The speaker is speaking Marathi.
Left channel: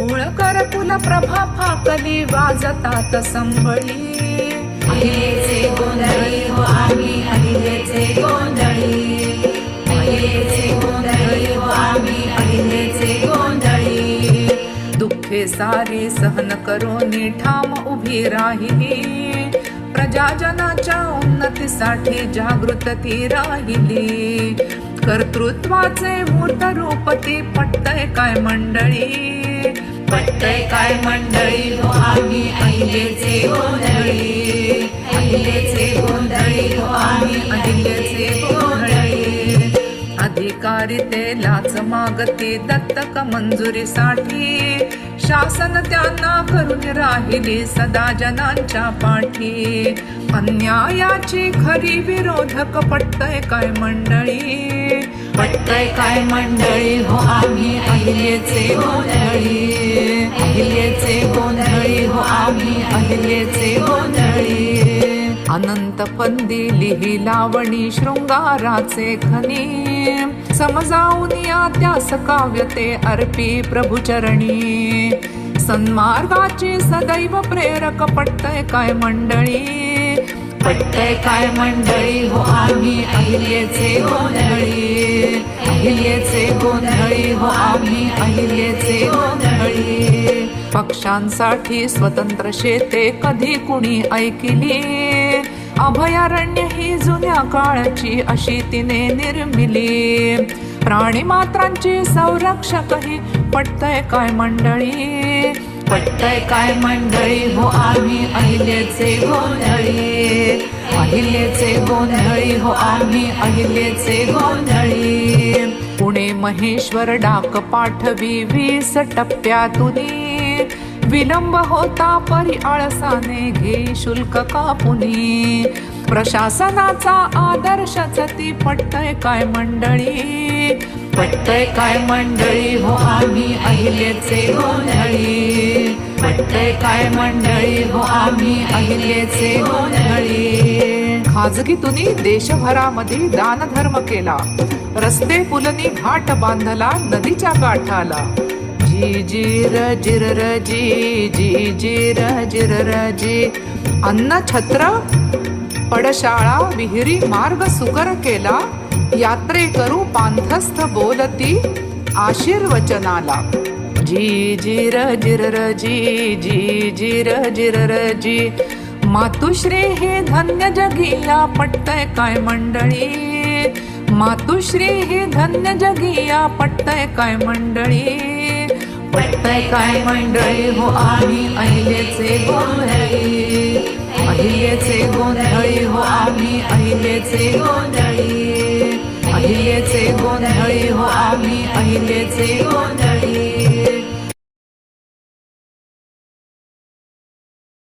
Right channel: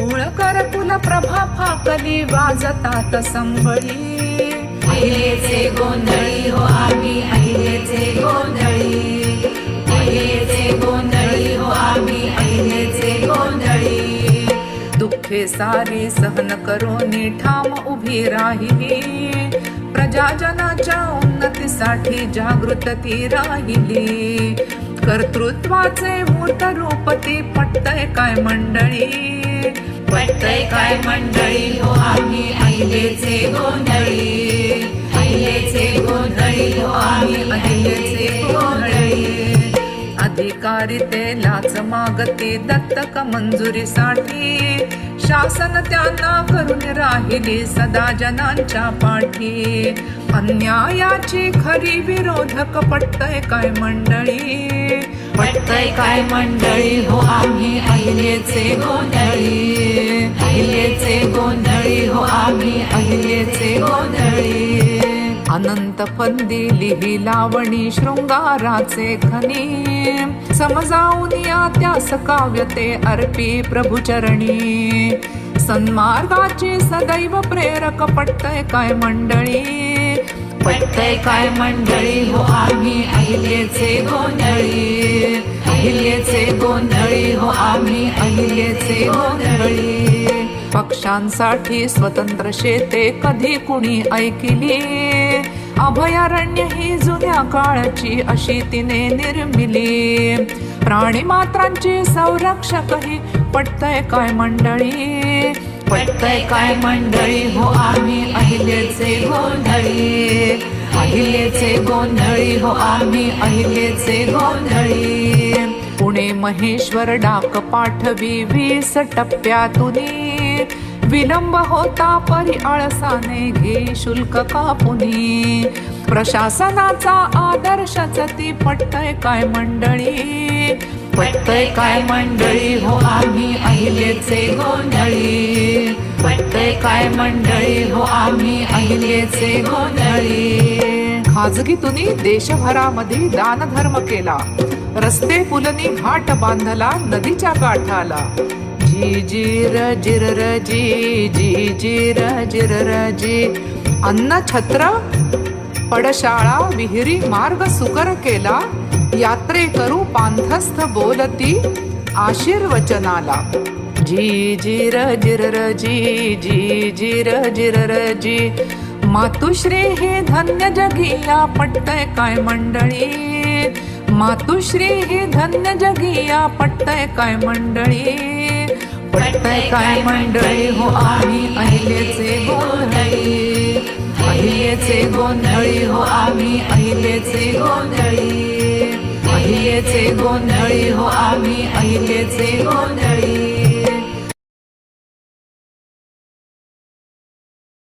मूळ करकुल प्रभा फाकली वाजतात संबळी अहिलेचे गोंधळी हो आम्ही अहिलेचे गोंधळी. अहिलेचे गोंधळी हो आम्ही अहिलेचे गोंधळी. दुःखे सारे सहन करून ठाम उभी राहिली. प्रजाजनाच्या उन्नतीसाठी जागृत ती राहिली. कर्तृत्वाचे मूर्त रूप ती पटतय काय मंडळी? पटतय काय मंडळी हो आम्ही अहिलेचे गोंधळी. अहिलेचे गोंधळी हो आम्ही अहिलेचे गोंधळी. अधिकारी लाच मागते दत्तक मंजुरीसाठी. शासन त्यांना करून राहिली सदा जनांच्या पाठी. अन्यायाची खरी विरोधक पटतय काय मंडळी? पटतय काय मंडळी? हो आम्ही अहिलेचे गोंधळी. अहिलेचे गोंधळी हो आम्ही अहिलेचे गोंधळी. अनंत फंदी लिही लावणी शृंगाराचे खनी. समजावून या त्यास काव्य ते अर्पी प्रभुचरणी. सन्मार्गाची सदैव प्रेरक पटतय काय मंडळी. पटतय काय मंडळी? हो आम्ही अहिल्याचे गोंधळी. अहिल्याचे गोंधळी. हो आम्ही अहिल्याचे गोंधळी. पक्षांसाठी स्वतंत्र शेते कधी कुणी ऐकिली? अभयारण्य ही जुन्या काळाची अशी तिने निर्मिली. प्राणी मात्रांची संरक्षकही पटतय काय मंडळी? पटतय काय मंडळी? हो आम्ही अहिलेचे गोंधळी. अहिलेचे गोंधळी हो आम्ही अहिलेचे गोंधळी. पुणे महेश्वर डाक पाठवी वीस टप्प्यातून. विलंब होता परी आळसाने घे शुल्क कापुनी. प्रशासनाचा आदर्शच ती पटतय काय मंडळी? पटतय काय मंडळी हो आम्ही अहिलेचे गोंधळी. पटतय काय मंडळी हो आम्ही अहिलेचे गोंधळी. खाजगीतून देशभरामध्ये दानधर्म केला. रस्ते पुलनी घाट बांधला नदीच्या काठाला. जी जी र जिर र जी जी जी र जिर र जी. अन्न छत्र पडशाळा विहिरी मार्ग सुकर केला यात्रे करू पांथस्थ बोलती आशीर्वचनाला. जी जी र जिर र जी जी जी र जिर र जी. मातुश्री हे धन्य जगिया पटतय काय मंडळी? मातुश्री हे धन्य जगिया पटतय काय मंडळी? पटतय काय मंडळी? हो आम्ही अहिलेचे गोंधळी. अहिलेचे गोंधळी हो आम्ही अहिलेचे गोंधळी. अहिलेचे गोंधळी हो आम्ही अहिलेचे गोंधळी.